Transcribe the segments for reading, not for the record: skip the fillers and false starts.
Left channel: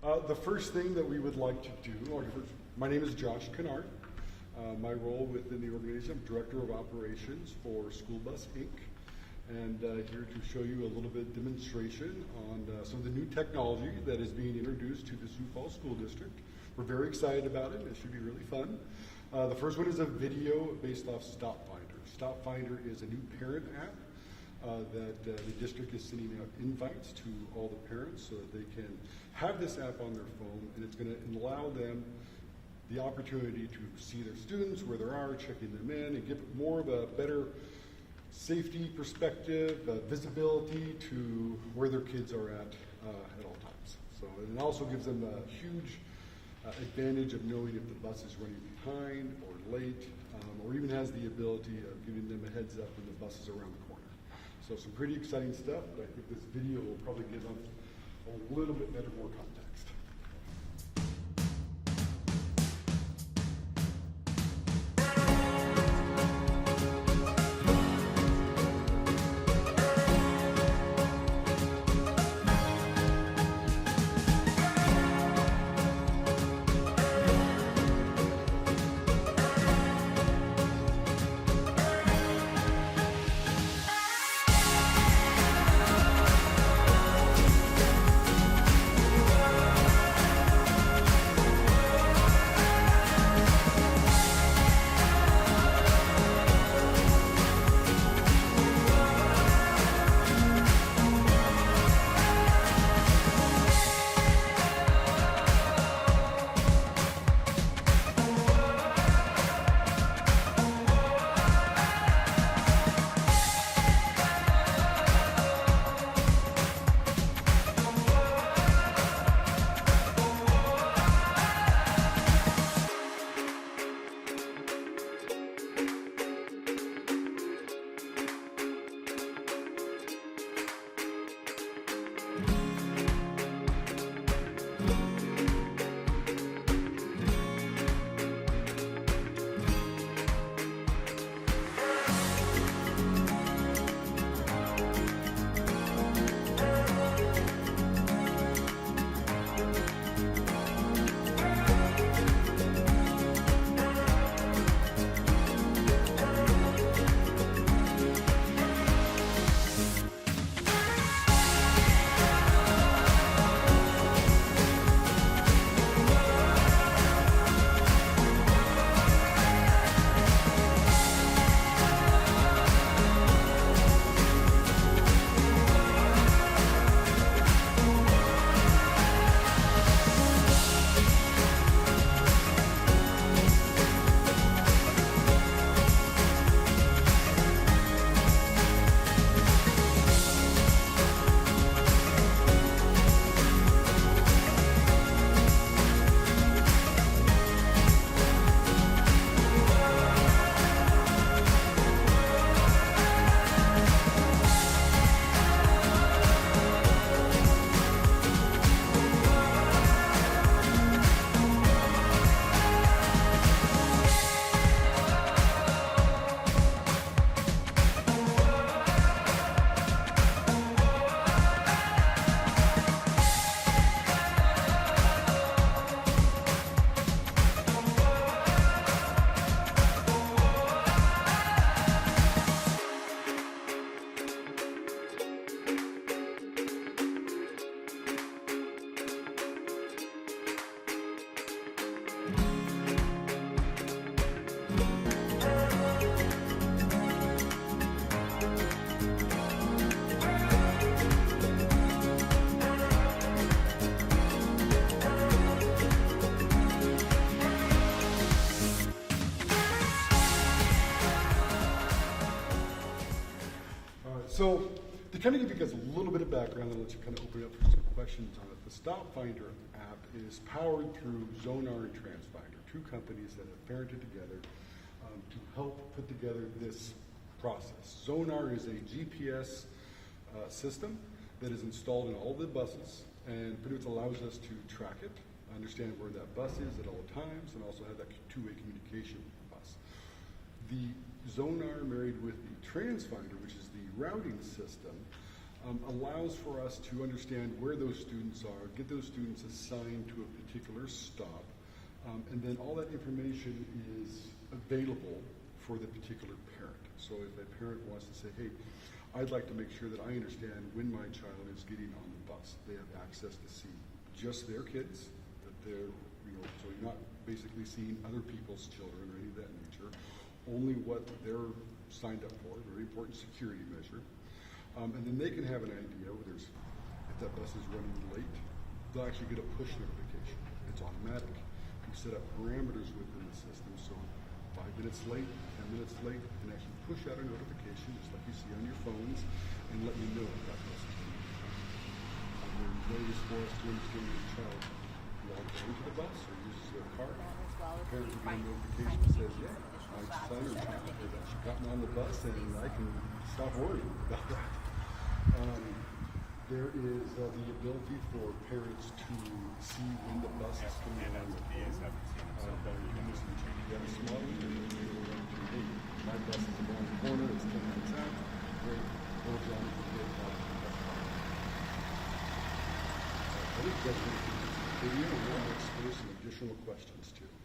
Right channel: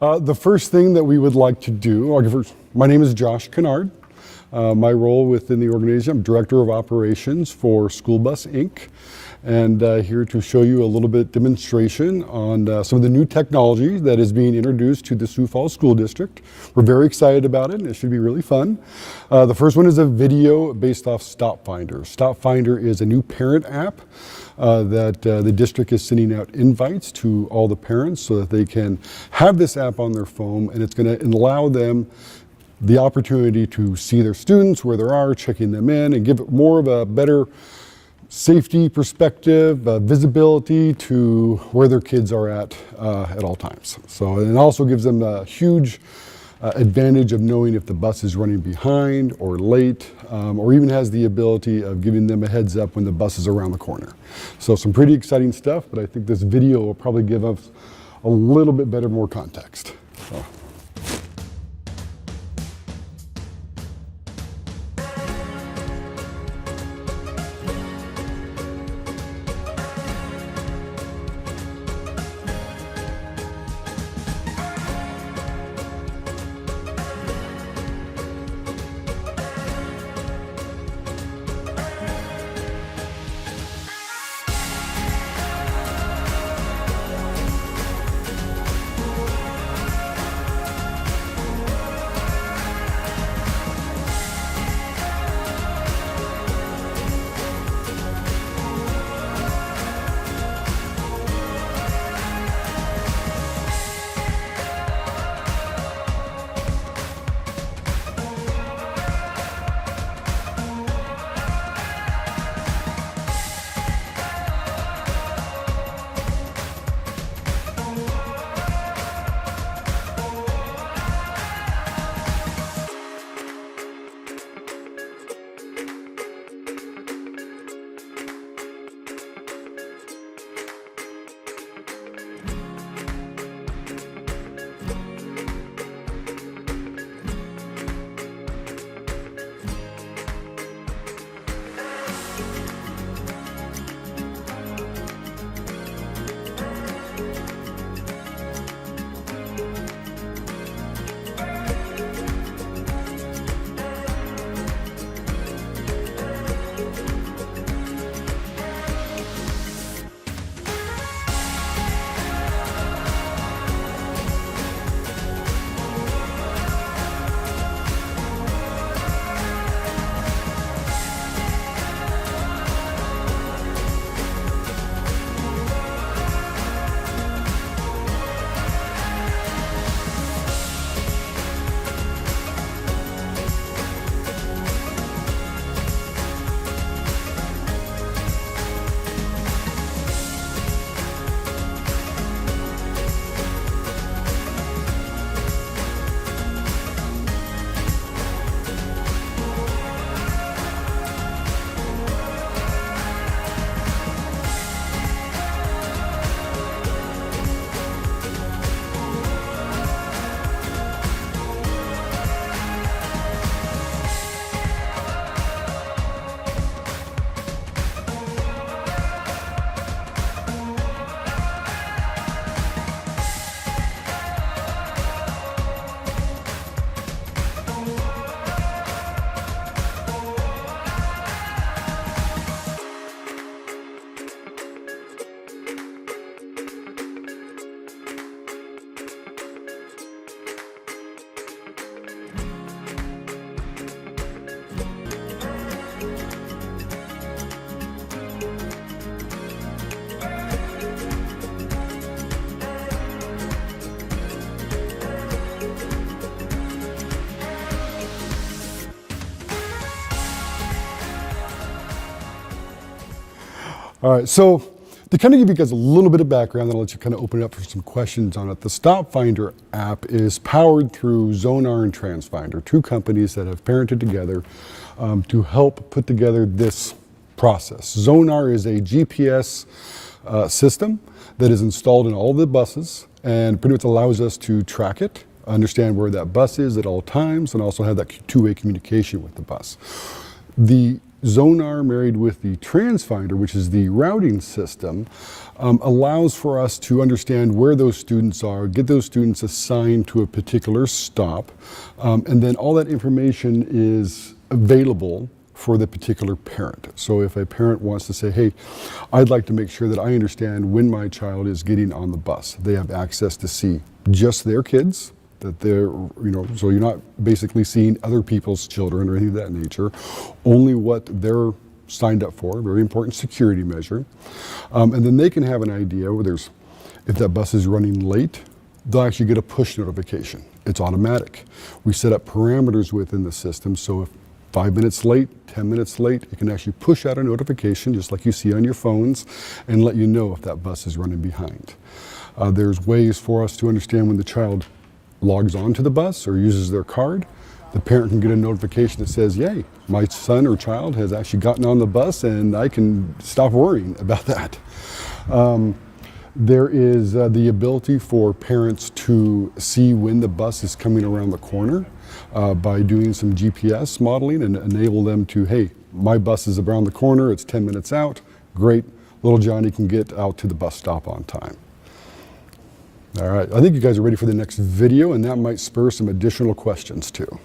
The first thing that we would like to do, my name is Josh Kennard. My role within the organization, I'm Director of Operations for School Bus Inc. And here to show you a little bit demonstration on some of the new technology that is being introduced to the Sioux Falls School District. We're very excited about it. It should be really fun. The first one is a video based off Stop Finder. Stop Finder is a new parent app that the district is sending out invites to all the parents so that they can have this app on their phone, and it's going to allow them the opportunity to see their students, where they are, checking them in, and give it more of a better safety perspective, visibility to where their kids are at all times. So, and it also gives them a huge advantage of knowing if the bus is running behind or late, or even has the ability of giving them a heads up when the bus is around the corner. So some pretty exciting stuff, but I think this video will probably give us a little bit better, more context. So. All right, so to kind of give you guys a little bit of background, then I'll let you kind of open it up for some questions on it. The Stop Finder app is powered through Zonar and Transfinder, two companies that have parented together to help put together this process. Zonar is a GPS system that is installed in all the buses and pretty much allows us to track it, understand where that bus is at all times, and also have that two-way communication with the bus. The Zonar married with the Transfinder, which is the routing system, allows for us to understand where those students are, get those students assigned to a particular stop, and then all that information is available for the particular parent. So if a parent wants to say, hey, I'd like to make sure that I understand when my child is getting on the bus, they have access to see just their kids, that they're, so you're not basically seeing other people's children or anything of that nature, only what they're signed up for, very important security measure. And then they can have an idea where if that bus is running late, they'll actually get a push notification. It's automatic. We set up parameters within the system, so if 5 minutes late, 10 minutes late, it can actually push out a notification, just like you see on your phones, and let you know if that bus is running behind. There's ways for us to understand when the child logs on to the bus or uses their card. The parent can get a notification that says, yay, my son or child has actually gotten on the bus, and I can stop worrying about that. There is the ability for parents to see when the bus is coming around the corner by doing some GPS modeling and enable them to, hey, my bus is around the corner, it's 10 minutes out, great, little Johnny can get out to the bus stop on time. All right, I think you guys are ready for the next video, and that might spur some additional questions too.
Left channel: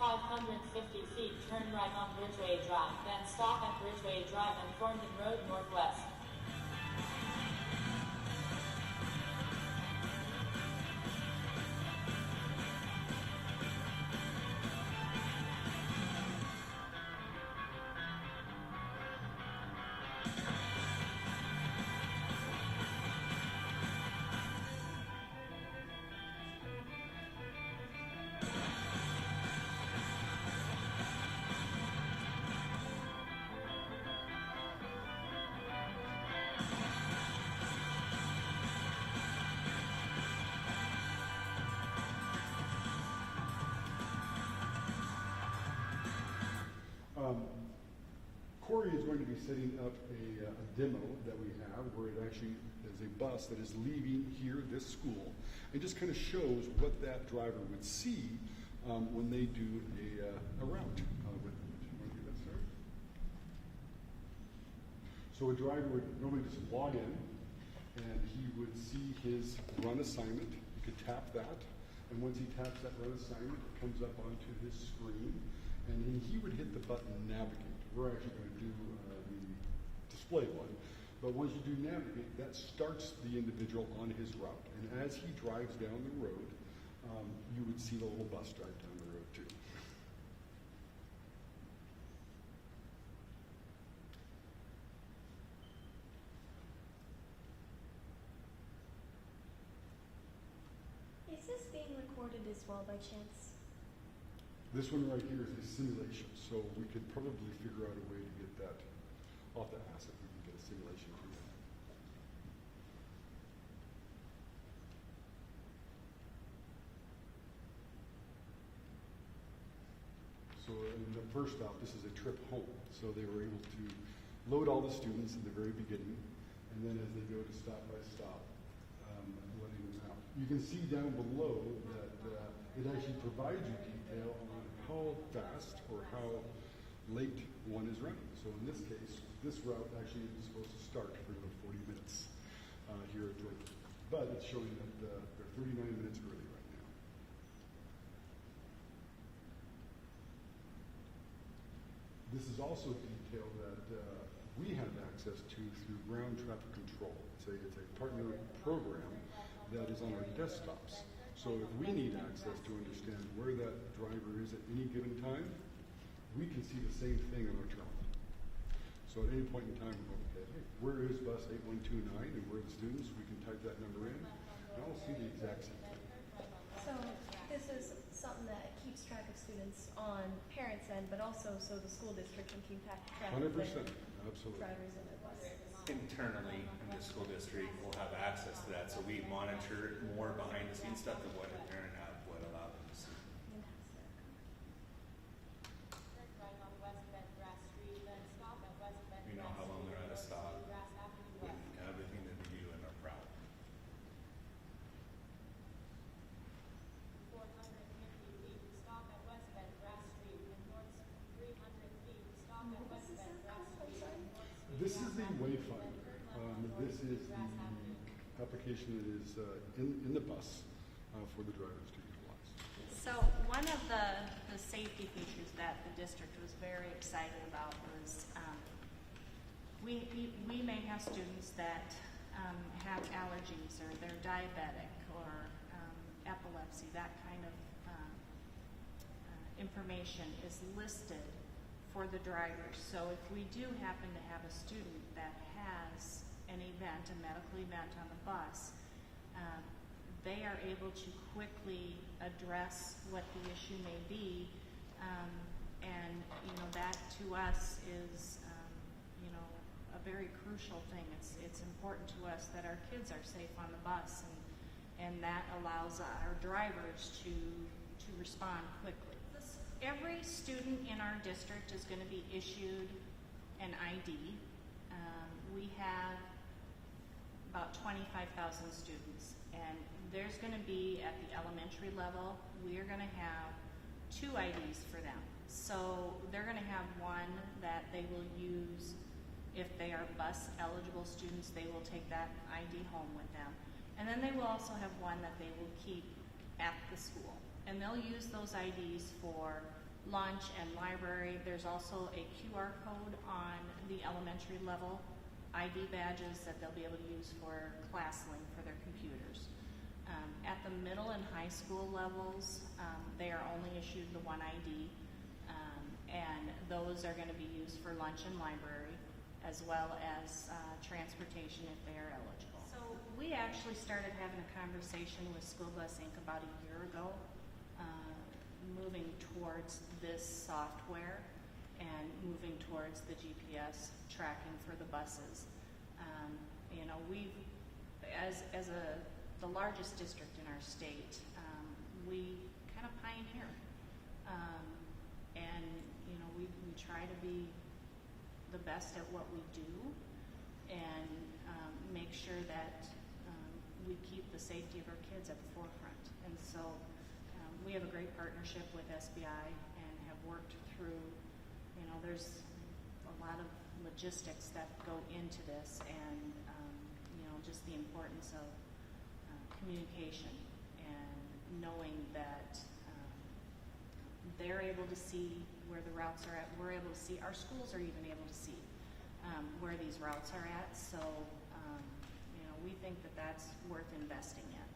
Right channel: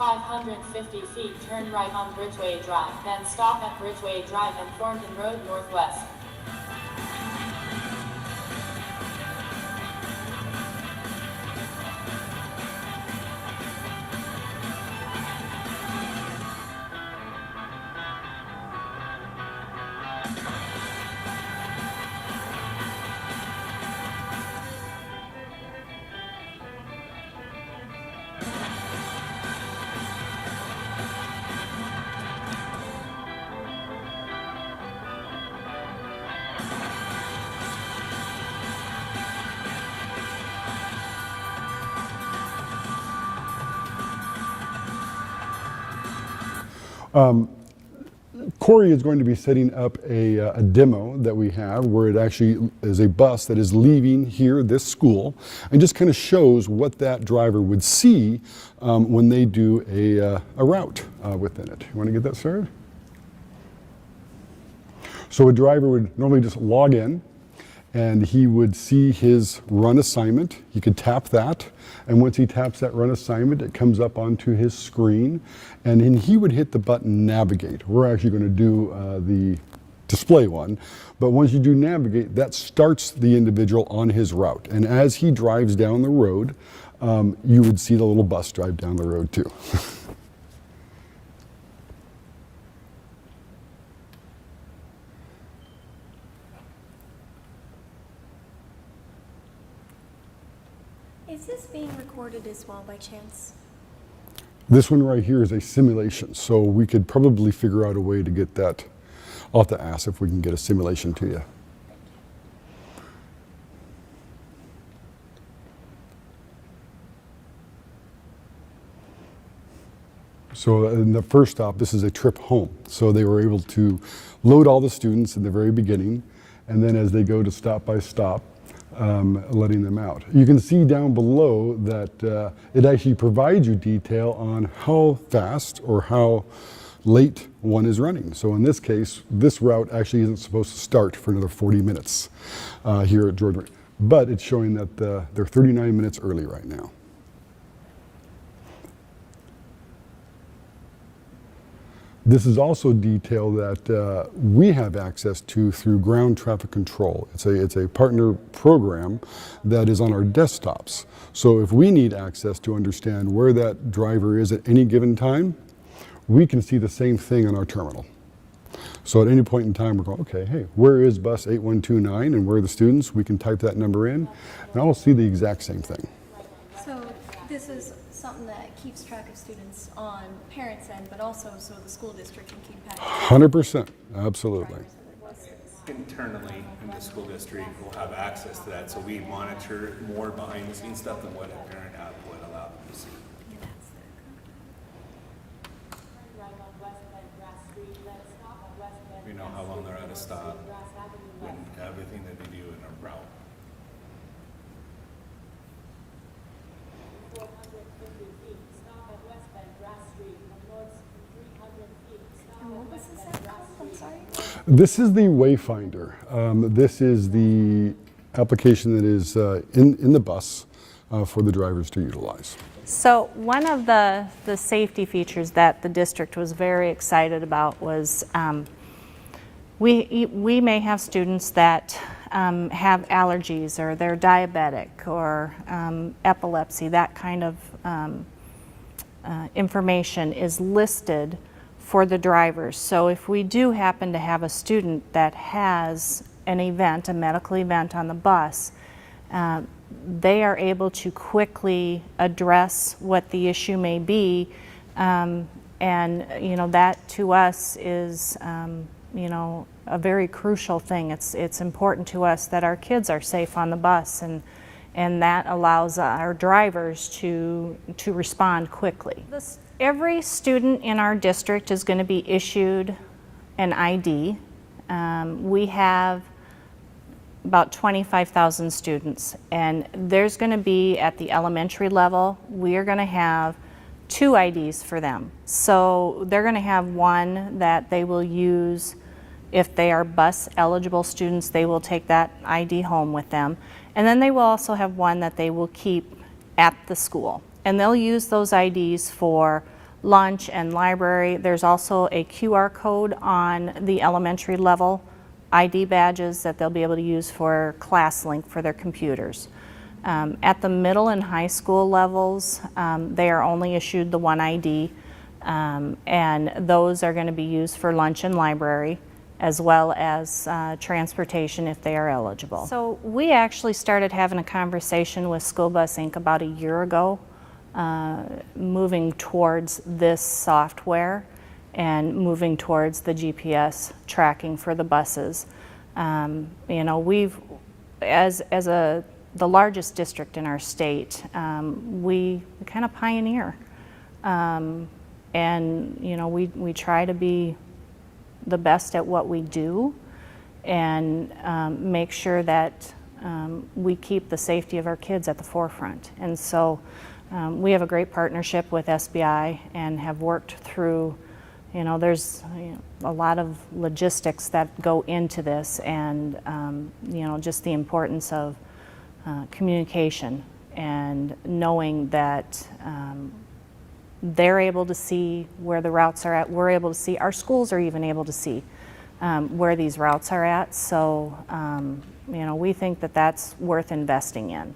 In 550 feet, turn right on Bridgeway Drive, then stop at Bridgeway Drive and Thornton Road Northwest. Corey is going to be setting up a demo that we have where it actually is a bus that is leaving here, this school, and just kind of shows what that driver would see when they do a route within it. You want to get that started? So a driver would normally just log in, and he would see his run assignment. He could tap that, and once he taps that run assignment, it comes up onto his screen, and then he would hit the button navigate. We're actually going to do the display one, but once you do navigate, that starts the individual on his route, and as he drives down the road, you would see the little bus drive down the road too. Is this being recorded as well by chance? This one right here is a simulation, so we could probably figure out a way to get that I'll have to ask if we can get a simulation to you. So in the first stop, this is a trip home. So they were able to load all the students in the very beginning, and then as they go to stop by stop, letting them out. You can see down below that it actually provides you detail on how fast or how late one is running. So in this case, this route actually isn't supposed to start for another 40 minutes here at Jordan, but it's showing that they're 39 minutes early right now. This is also detail that we have access to through ground traffic control. It's a partner program that is on our desktops. So if we need access to understand where that driver is at any given time, we can see the same thing on our terminal. So at any point in time, we're going, okay, hey, where is bus 8129 and where are the students? We can type that number in, and I'll see the exact same thing. So this is something that keeps track of students on parents' end, but also so the school district can keep track. 100%, absolutely. Internally in the school district, we'll have access to that, so we monitor more behind the scenes stuff than what a parent app would allow them to see. Right on West Bend Grass Street, then stop at West Bend. We know how long they're at a stop, Grass Avenue and West. everything that they do in a route. 450 feet, stop at West Bend Grass Street, and north 300 feet, stop And at what was West this Bend app Grass called? I'm Street. sorry. This is the Wayfinder. This is the application that is in the bus for the drivers to utilize. So one of the safety features that the district was very excited about was we may have students that have allergies or they're diabetic or epilepsy. That kind of information is listed for the drivers. So if we do happen to have a student that has an event, a medical event on the bus, they are able to quickly address what the issue may be, and that to us is a very crucial thing. It's important to us that our kids are safe on the bus, and that allows our drivers to respond quickly. Every student in our district is going to be issued an ID. We have about 25,000 students, and there's going to be, at the elementary level, we are going to have 2 IDs for them. So they're going to have one that they will use if they are bus eligible students. They will take that ID home with them, and then they will also have one that they will keep at the school, and they'll use those IDs for lunch and library. There's also a QR code on the elementary level ID badges that they'll be able to use for ClassLink for their computers. At the middle and high school levels, they are only issued the one ID, and those are going to be used for lunch and library, as well as transportation if they are eligible. So we actually started having a conversation with School Bus Inc. about a year ago, moving towards this software and moving towards the GPS tracking for the buses. We've, as the largest district in our state, we kind of pioneer, and we try to be the best at what we do, and make sure that we keep the safety of our kids at the forefront. And so we have a great partnership with SBI and have worked through, there's a lot of logistics that go into this, and just the importance of communication and knowing that they're able to see where the routes are at. We're able to see, our schools are even able to see where these routes are at. So, we think that that's worth investing in.